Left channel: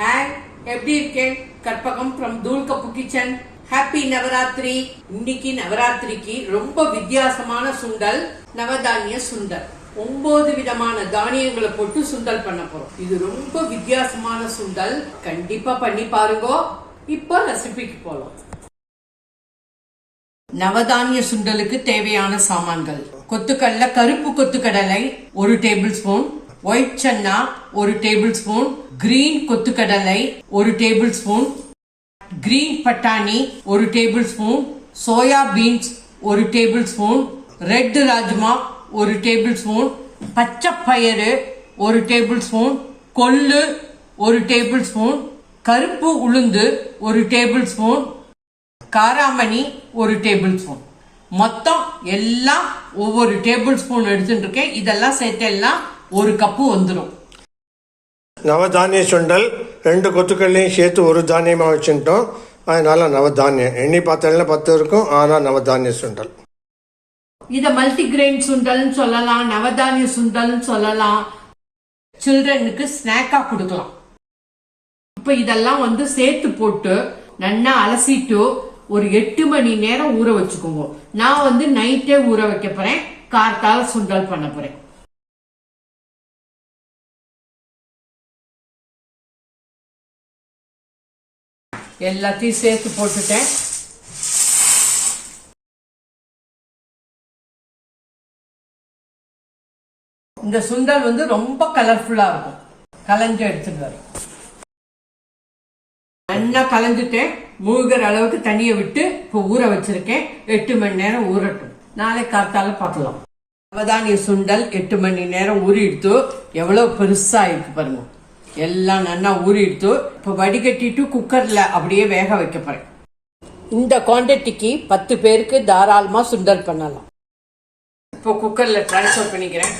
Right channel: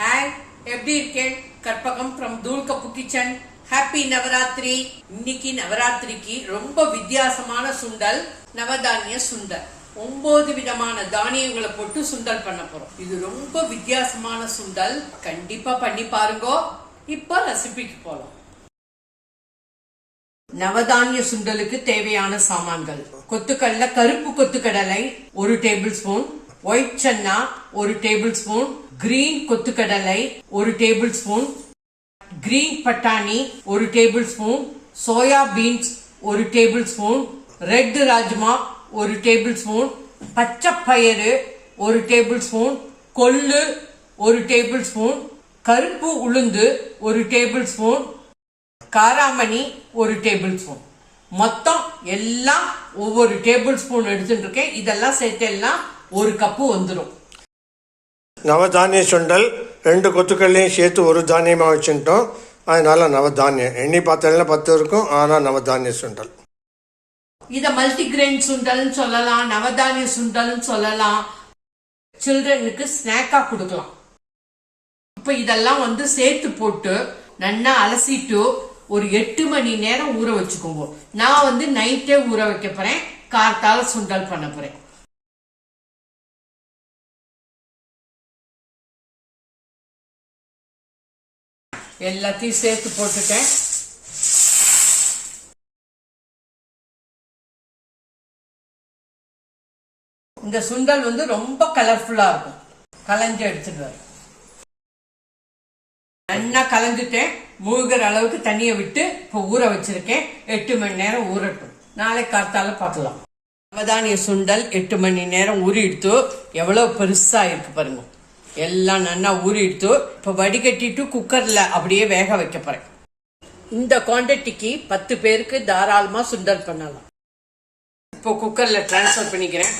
Hi எப்படி இருக்கேன் Karpagam from Thoolkappu kitchen. Happy Navaratri. இன்னைக்கு நவராத்திரிக்கு ரொம்ப வித்தியாசமான சுண்டல் நவதானிய சுண்டல். ஒன்பது விதமான தானியங்களை போட்டு சுண்டல் பண்ண போறோம். இது ரொம்ப வித்தியாசமான சுண்டல். கண்டிப்பா பண்ணி பாருங்க. இப்போ ரெசிபிக்கு போலாம். நவதானிய சுண்டலுக்கு தேவையான சாமான்கள். கொத்துக்கடலை கருப்பு கொத்துக்கடலை ஒரு டேபிள் ஸ்பூன் ஒயிட் சன்னா ஒரு டேபிள் ஸ்பூன் கிரீன் கொத்துக்கடலை ஒரு டேபிள் ஸ்பூன் கிரீன் பட்டாணி ஒரு டேபிள் ஸ்பூன் சோயா பீன்ஸ் ஒரு டேபிள் ஸ்பூன் ரெட் ராஜ்மா ஒரு டேபிள் ஸ்பூன் பச்சை பயிறு ஒரு டேபிள் ஸ்பூன் கொள்ளு ஒரு டேபிள் ஸ்பூன் கருப்பு உளுந்து ஒரு டேபிள் ஸ்பூன் காராமணி ஒரு டேபிள் ஸ்பூன் மொத்தம் எல்லாம் ஒவ்வொரு டேபிள் ஸ்பூன் எடுத்துட்டு இருக்கேன். இதெல்லாம் சேர்த்தெல்லாம் ஒரு கப்பு வந்துடும் நவதானிய சுண்டல் ரெண்டு கொத்துக்கள்லையும் சேர்த்து ஒரு தானியமாக வச்சுட்டோம். அதனால நவதானியம் எண்ணி பார்த்ததுல பத்து இருக்கும் ஆனால் நவதானிய சுண்டல். இத மல்டிகிரெயின் சுண்டல்னு சொல்லலாம் நவதானிய சுண்டல்னு சொல்லலாம். சில்ட்ரனுக்கு ஸ்நாக்கா கொடுக்கலாம். இப்ப இதெல்லாம் வந்து சேர்த்து போட்டு நல்லா அலசிட்டு ஒரு எட்டு மணி நேரம் ஊற வச்சுக்கோங்க. நான் வந்து நைட்டே ஊற வைக்க போறேன். கார்த்தால சுண்டல் பண்ண போறேன். எல்லாத்தையும் சேர்த்து போட்டுட்டேன். இந்த சுண்டல் வந்து ரொம்ப கலர்ஃபுல்லா இருக்கும். கலஞ்சு எடுத்துட்டு வரும் நல்லா கலந்துட்டேன் மூழ்கிற அளவுக்கு தண்ணியை விட்டு இப்போ ஊற வச்சிருக்கேன். எட்டு மணி நேரம் ஊறட்டும். நாளை காத்தால பார்க்கலாம். நவதானிய சுண்டல் எட்டு மணி நேரம் ஊறிடுத்து எவ்வளவு பெருசா இருக்கு பாருங்க. எல்லாம் நல்லா ஊறிடுத்து இப்போ வடிகட்டிட்டு குக்கர்ல அப்படியே வேக வைக்க போறேன். இந்த குவாண்டிட்டிக்கு பத்து பேருக்கு தாராளமா சுண்டல் பண்ணலாம். இப்போ குக்கர்ல ட்ரான்ஸ்ஃபர் பண்ணிக்கிறேன்.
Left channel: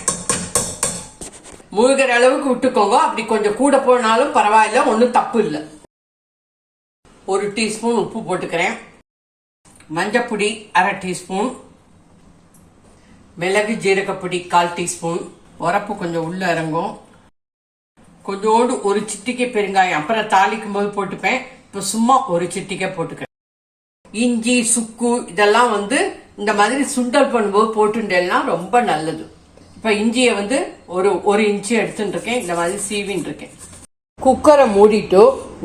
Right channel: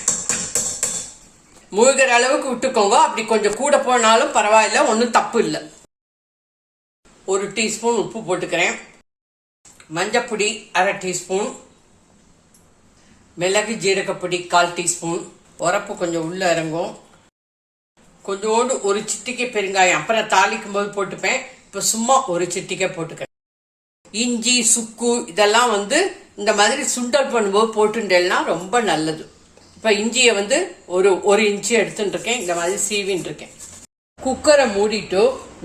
மூழ்கிற அளவுக்கு விட்டுக்கோங்க. அப்படி கொஞ்சம் கூட போனாலும் பரவாயில்ல ஒன்றும் தப்பு இல்லை. ஒரு டீஸ்பூன் உப்பு போட்டுக்கிறேன். மஞ்சப்பொடி அரை டீஸ்பூன். மிளகு ஜீரகப்பொடி கால் டீஸ்பூன். உரப்பு கொஞ்சம் உள்ள இறங்கும். கொஞ்சோண்டு ஒரு சிட்டிக்கை பெருங்காயம். அப்புறம் தாளிக்கும் போது போட்டுப்பேன். இப்போ சும்மா ஒரு சிட்டிக்கை போட்டுக்கிறேன். இஞ்சி சுக்கு இதெல்லாம் வந்து இந்த மாதிரி சுண்டல் பண்ணும்போது போட்டுட்டேன்னா ரொம்ப நல்லது. இப்போ இஞ்சியை வந்து ஒரு ஒரு இன்ச்சு எடுத்துட்டு இருக்கேன் இந்த மாதிரி சீவின்னு இருக்கேன் குக்கரை மூடிட்டு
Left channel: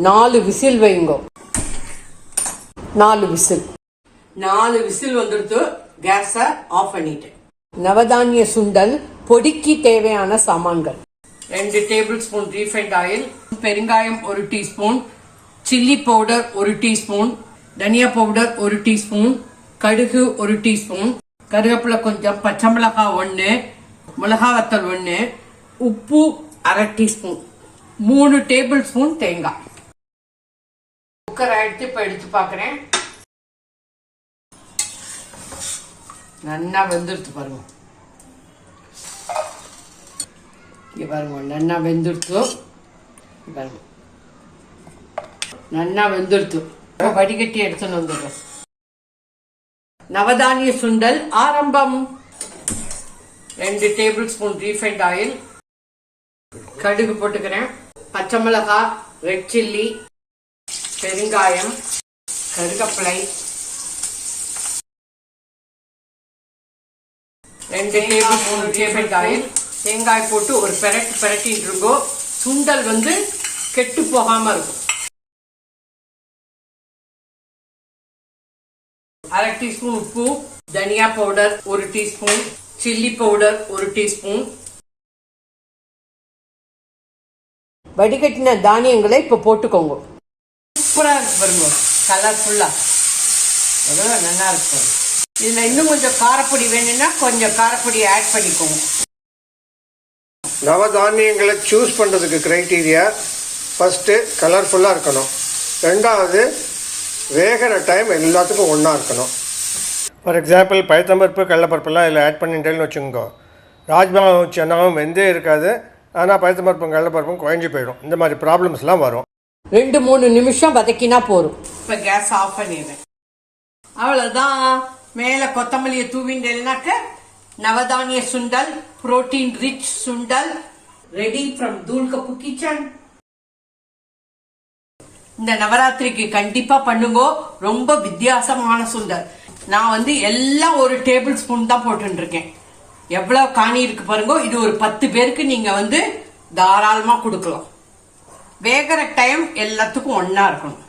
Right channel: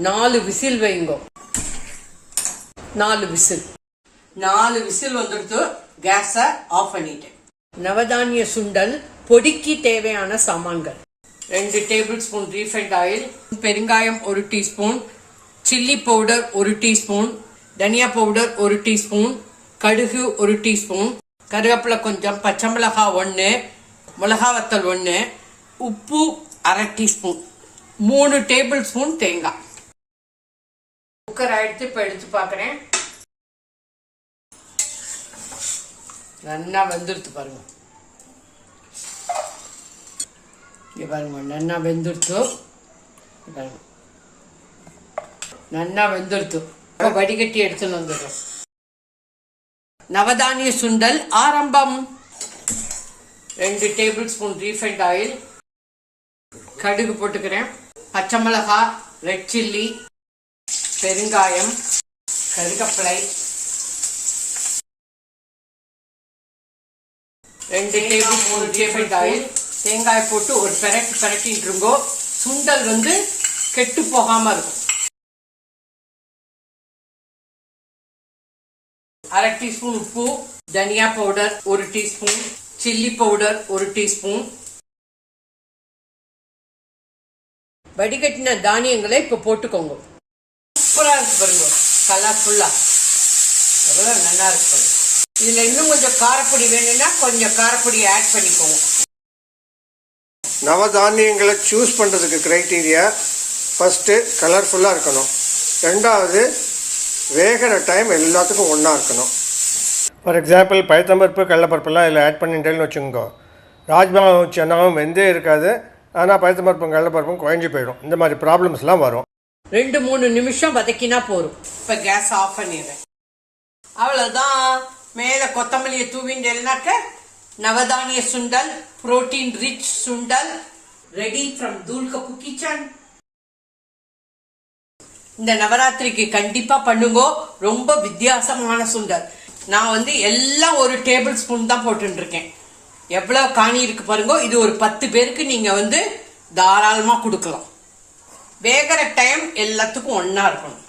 நாலு விசில் வைங்க. நாலு விசில். நாலு விசில் வந்துடுத்து கேஸை ஆஃப் பண்ணிட்டேன். நவதானிய சுண்டல் பொடிக்கு தேவையான சாமான்கள். ரெண்டு டேபிள் ஸ்பூன் ரீஃபைண்ட் ஆயில் பெருங்காயம் ஒரு டீஸ்பூன் சில்லி பவுடர் ஒரு டீஸ்பூன் தனியா பவுடர் ஒரு டீஸ்பூன் கடுகு ஒரு டீஸ்பூன் கருவேப்பிலை கொஞ்சம் பச்சை மிளகாய் ஒன்று மிளகா வத்தல் ஒன்று உப்பு அரை டீஸ்பூன் மூணு டேபிள் ஸ்பூன் தேங்காய் குக்கர் எடுத்து இப்போ எடுத்து பார்க்குறேன் நல்லா வந்துடுத்து பாருங்க. இங்கே பாருங்க நல்லா வெந்துடுத்து பாருங்க. நல்லா வெந்துடுத்து வடிகட்டி எடுத்துன்னு வந்துடுறேன் நவதானிய சுண்டல் ஆரம்பம். ரெண்டு டேபிள் ஸ்பூன் ரீஃபைண்ட் ஆயில். கடுகு போட்டுக்கிறேன். பச்சை மிளகாய் ரெட் சில்லி பெருங்காயம் கருகப்பிலை. ரெண்டு டேபிள் ஸ்பூன் ரீஃபைண்ட் ஆயில். தேங்காய் போட்டு ஒரு பெரட்டு பெரட்டின்னு இருக்கோ சுண்டல் வந்து கெட்டு போகாம இருக்கும். அரை டீஸ்பூன் உப்பு தனியா பவுடர் ஒரு டீஸ்பூன் சில்லி பவுடர் ஒரு டீஸ்பூன். வடிகட்டின தானியங்களை இப்ப போட்டுக்கோங்க. சூப்பரா இருக்கு பாருங்க கலர்ஃபுல்லா எவ்வளவு நல்லா இருக்கு இதுல இன்னும் கொஞ்சம் காரப்பொடி வேணும்னா கொஞ்சம் காரப்பொடி ஆட் பண்ணிக்கோங்க. நவதானியங்களை சூஸ் பண்ணுறதுக்கு க்ரைட்டீரியா ஃபஸ்ட்டு கலர்ஃபுல்லாக இருக்கணும். ரெண்டாவது வேகிற டைம் எல்லாத்துக்கும் ஒன்றா இருக்கணும். ஃபார் எக்ஸாம்பிள் பயத்தம்பருப்பு கடலப்பருப்புலாம் இதில் ஆட் பண்ணிட்டேன்னு வச்சுக்கோங்க. ராஜ்மாவும் சென்னாவும் வெந்தே இருக்காது. ஆனால் பயத்தம்பருப்பும் கடலப்பருப்பும் குழஞ்சி போயிடும். இந்த மாதிரி ப்ராப்ளம்ஸ்லாம் வரும். ரெண்டு மூணு நிமிஷம் வதக்கினா போதும். இப்ப கேஸ் ஆஃப் பண்ணிடுறேன். அவ்வளவுதான். மேல கொத்தமல்லியை தூவிண்டேன்னாக்க நவதானிய சுண்டல் புரோட்டீன் ரிச் சுண்டல் ரெடி ஃப்ரம் தூள்கப்பு கிச்சன் இந்த நவராத்திரிக்கு கண்டிப்பா பண்ணுங்க. ரொம்ப வித்தியாசமான சுண்டல். நான் வந்து எல்லாம் ஒரு டேபிள் ஸ்பூன் தான் போட்டு இருக்கேன் எவ்வளவு காணி இருக்கு பாருங்க. இது ஒரு பத்து பேருக்கு நீங்க வந்து தாராளமா கொடுக்கலாம். வேகிற டைம் எல்லாத்துக்கும் ஒன்னா இருக்கணும்.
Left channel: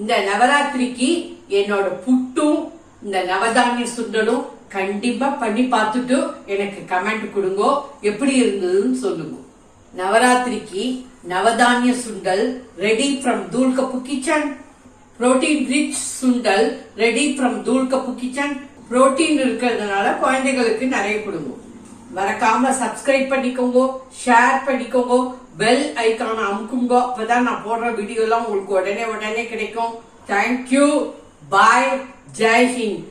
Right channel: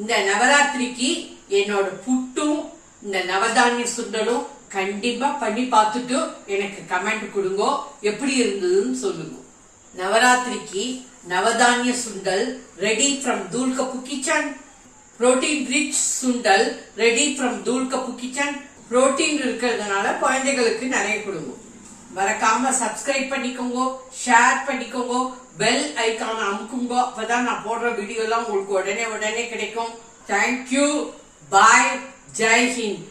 இந்த நவராத்திரிக்கு என்னோட புட்டும் இந்த நவதானிய சுண்டலும் கண்டிப்பா பண்ணி பார்த்துட்டு எனக்கு கமெண்ட் கொடுங்க. எப்படி இருந்ததுன்னு சொல்லுங்க. நவராத்திரிக்கு நவதானிய சுண்டல் ready from Thoolkappu kitchen protein rich sundal ready from Thoolkappu kitchen protein இருக்கிறதுனால குழந்தைகளுக்கு நிறைய கொடுங்க. மறக்காம சப்ஸ்கிரைப் பண்ணிக்கோங்க ஷேர் பண்ணிக்கோங்க பெல் ஐக்கான அமுக்குங்க அப்பதான் நான் போடுற வீடியோ எல்லாம் உங்களுக்கு உடனே உடனே கிடைக்கும். Thank you bye Jai Hind